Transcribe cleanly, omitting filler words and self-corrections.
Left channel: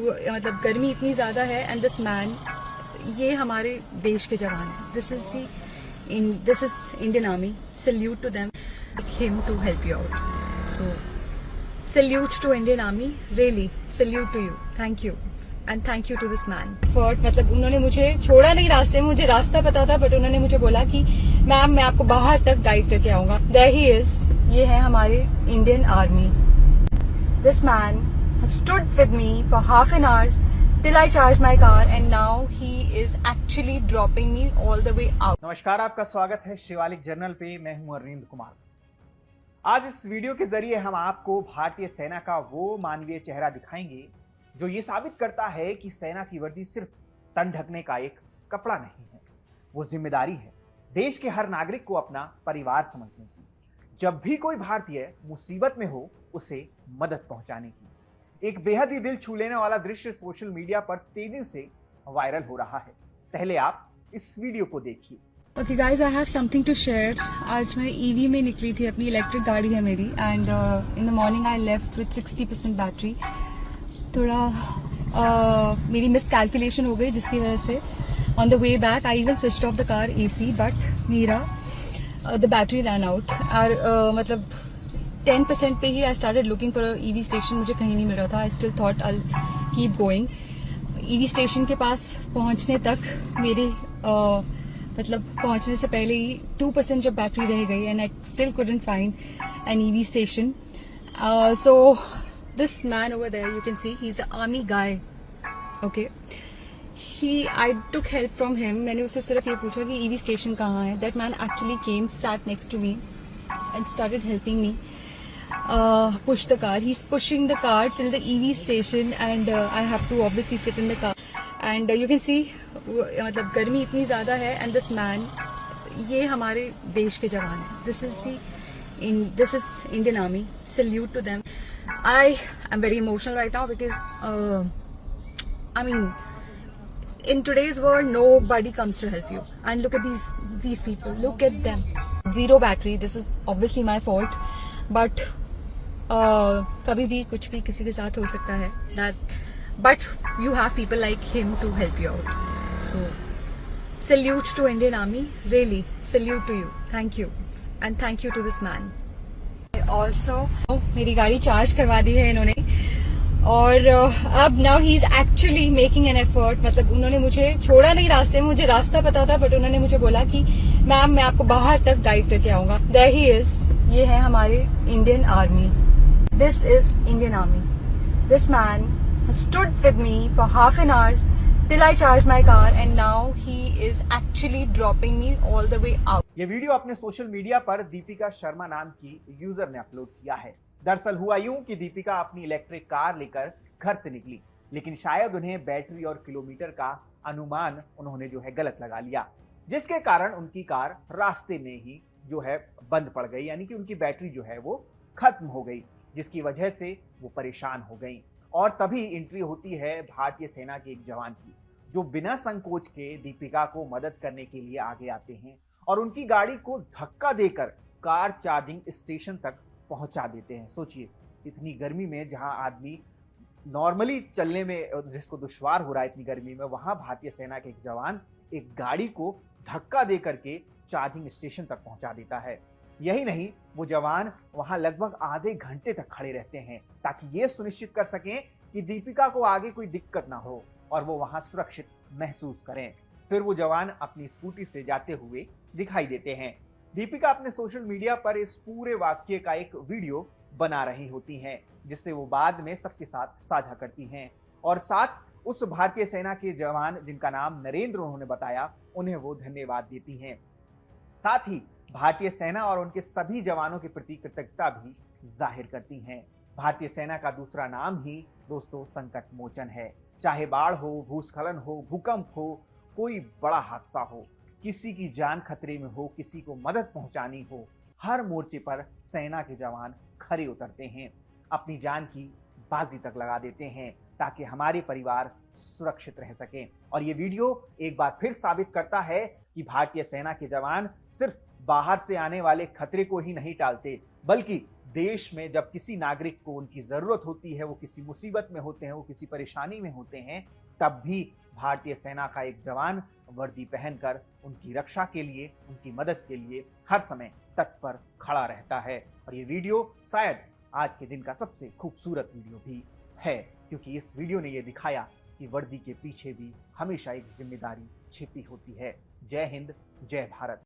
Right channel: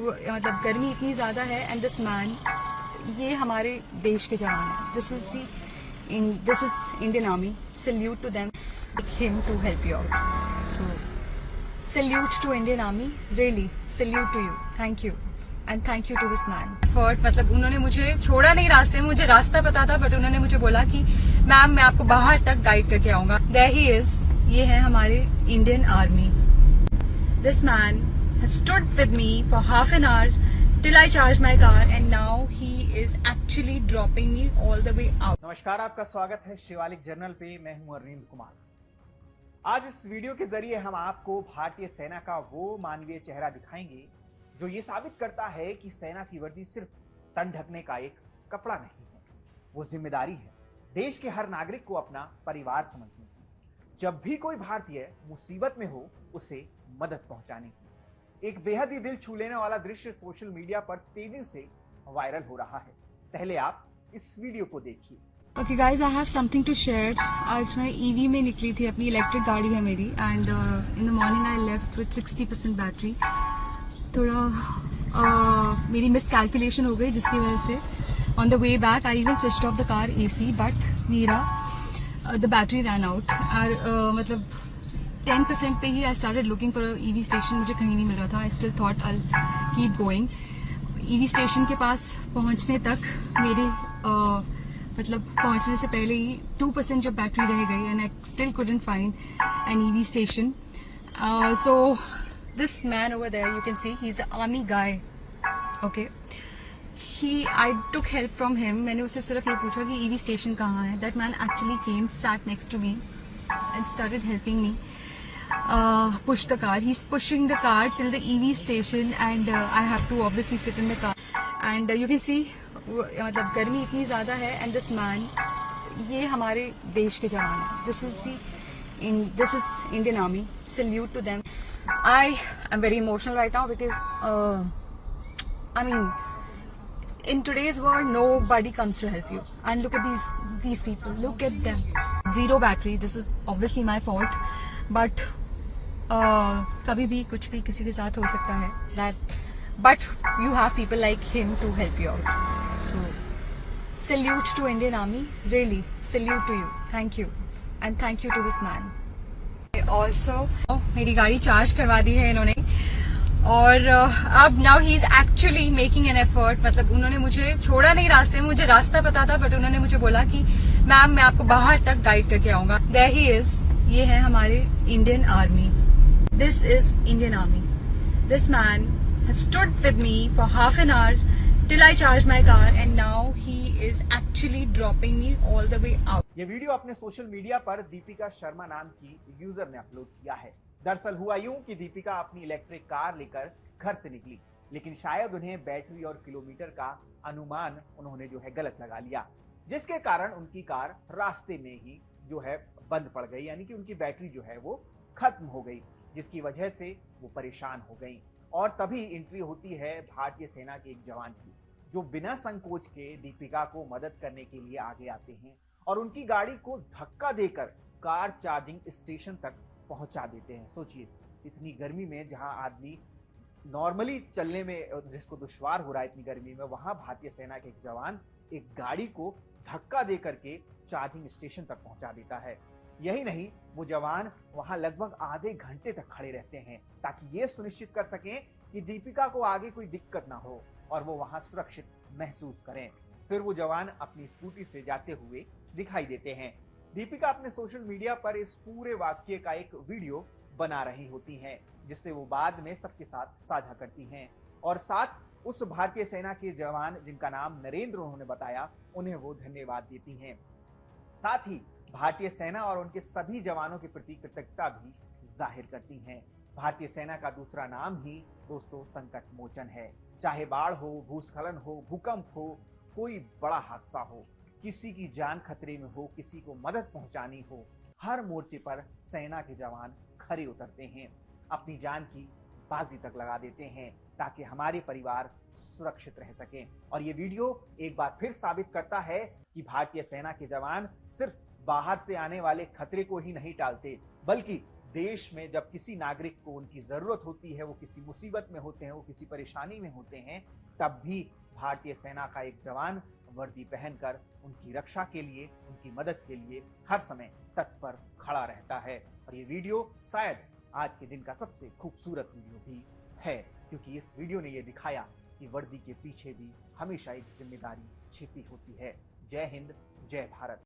मतलब गर्मी इतनी ज़्यादा है एंड दिस मैन, ये हमारे देश के जवान हैं. This is Indian army. Salute to them, him to help you out. So salute to Indian army, really salute to you. Thank you and thank you to this man. For मतलब उन्होंने मुझे छोड़ा नहीं रास्ते में, मुझे रास्ता पता था बट उन्होंने मुझे बोला कि मैम मैं आपको बाहर तक गाइड करके आऊंगा. There he is. ये है हमारे Indian army. This man has stood with me for half an hour till I charged my car and now he is actually dropping me all the way out. नमस्कार, आपका स्वागत है Shivalik journal पे. मैं हूं अरविंद कुमार. आज इस वीडियो के जरिए हम आपको भारतीय सेना का वो मानवीय चेहरा दिखाएंगे जो ये साबित करता है कि सेना की वर्दी सिर्फ तन ढकने का एक कपड़ा नहीं है, वो जिम्मेदारी है देश के हर नागरिक को अपना परिवार समझने की. जब भी कोई भारतीय मुसीबत में हो उसे मदद पहुंचाने की. एक बेहद ही दिल छू लेने वाला दृश्य सोशल मीडिया पर तेजी से वायरल हो रहा है. पहले आप इस वीडियो को देखिए. Okay guys, I have something to share. आज मैं ईवी में निकली थी, अपनी इलेक्ट्रिक गाड़ी है मेरी, and in the morning I left with 60% battery. थोड़ा मेरी मिस कैलकुलेशन हो गई जिसकी वजह से on the way back I even switched off the car AC, but मेरा द बैटरी रन आउट. और मतलब 10% पे ही I started looking for EV station. मुझे कहीं नहीं मिल रहा था. I still thought I keep going. EV station के पास पहुंचने तक मेरी मतलब पहुंचने से पहले ही 2% जब बैटरी रह गई and I still couldn't find an EV station. So this man over there, you can see he is a army guy. Okay, I took help from him. मैंने उससे सिर्फ ये पूछा कि EV स्टेशन कहाँ है. That man actually came, sat next to me and started helping me push the car. He's pushing the car till the EV station and I have to obviously sit in the car. And you can see मतलब गर्मी इतनी ज़्यादा है and this man, ये हमारे देश के जवान हैं. This is Indian Army. Salute to them. I am very emotional right now because I mean in today's world nobody comes to help you. And look at these people. Look at them. Zero battery. This is obviously my fault. But कभी भी कुछ भी किसी के साथ हो सकता है. But you have people like him to help you out. So salute to Indian Army. Really salute to you. Thank you and thank you to this man. Also मेरी गाड़ी चार्ज करवा दी है इन्होंने और अब now he is actually making an effort. मतलब उन्होंने मुझे छोड़ा नहीं रास्ते में, मुझे रास्ता पता था बट उन्होंने मुझे बोला कि मैम मैं आपको बाहर तक गाइड करके आऊंगा. There he is. ये है हमारे Indian army. This is Indian Army. This man has stood with me for half an hour till I charged my car and now he is actually dropping me all the way out. ये video अपने social media पर दीपिका शर्मा नाम की user ने upload किया है. दरअसल हुआ यूं कि दीपिका अपनी इलेक्ट्रिक कार लेकर घर से निकली, लेकिन शायद उन्हें बैटरी और किलोमीटर का अनुमान उन्होंने जो है गलत लगा लिया, जिसके कारण उनकी कार रास्ते में ही जो है बंद पड़ गई. यानी कि उनकी बैटरी जो है वो खत्म हो गई, जिसकी वजह से वो परेशान हो गई. और तभी एंट्री होती है भारतीय सेना के एक जवान की, जो बिना संकोच के दीपिका को मदद करने के लिए आगे आते हैं और उनकी गाड़ी को धक्का देकर कार चार्जिंग स्टेशन तक पहुंचा देते हैं. सोचिए, इतनी गर्मी में जहां आदमी नॉर्मली चलने में जिसको दुश्वार हो रहा है इतनी गर्मी में, वहां भारतीय सेना के एक जवान एक गाड़ी को धक्का दे करके चार्जिंग स्टेशन तक पहुंचा देता है. यही नहीं, वो जवान वहां लगभग आधे घंटे तक खड़े रहते हैं ताकि ये सुनिश्चित कर सकें कि दीपिका को आगे कोई दिक्कत ना हो और वो वहां सुरक्षित महसूस करें. फिर वो जवान अपनी स्कूटी से जाते हुए दिखाई देते हैं. दीपिका अपने सोशल मीडिया पर इस पूरे वाक्य का एक वीडियो बना रही होती हैं, जिससे वो बाद में सबके साथ साझा करती हैं और साथ उस भारतीय सेना के जवान जिनका नाम नरेंद्र उन्होंने बताया, उन्हें वो धन्यवाद देती हैं. साथ ही भारतीय सेना और उनके सभी जवानों के प्रति कृतज्ञता भी जाहिर करती हैं. भारतीय सेना का दूसरा नाम ही दोस्तों संकट मोचन है. चाहे बाढ़ हो, भूस्खलन हो, भूकंप हो, कोई बड़ा हादसा हो, किसी की जान खतरे में हो, किसी को मदद पहुंचानी हो, हर मोर्चे पर सेना के जवान खड़े उतरते हैं, अपनी जान की बाजी तक लगा देते हैं ताकि हमारे परिवार सुरक्षित रह सकें. और ये वीडियो एक बार फिर साबित करता है कि भारतीय सेना के जवान सिर्फ बाहर से आने वाले खतरे को ही नहीं टालते, बल्कि देश में जब किसी नागरिक को उनकी जरूरत होती है, वो किसी मुसीबत में होते हैं, वो किसी परेशानी में होते हैं, तब भी भारतीय सेना का एक जवान वर्दी पहनकर उनकी रक्षा के लिए, उनकी मदद के लिए हर समय तत्पर खड़ा रहता है। और ये वीडियो शायद आज के दिन का सबसे खूबसूरत वीडियो भी है, क्योंकि इस वीडियो ने ये दिखाया कि वर्दी के पीछे भी हमेशा एक जिम्मेदारी छिपी होती है। जय हिंद, जय भारत।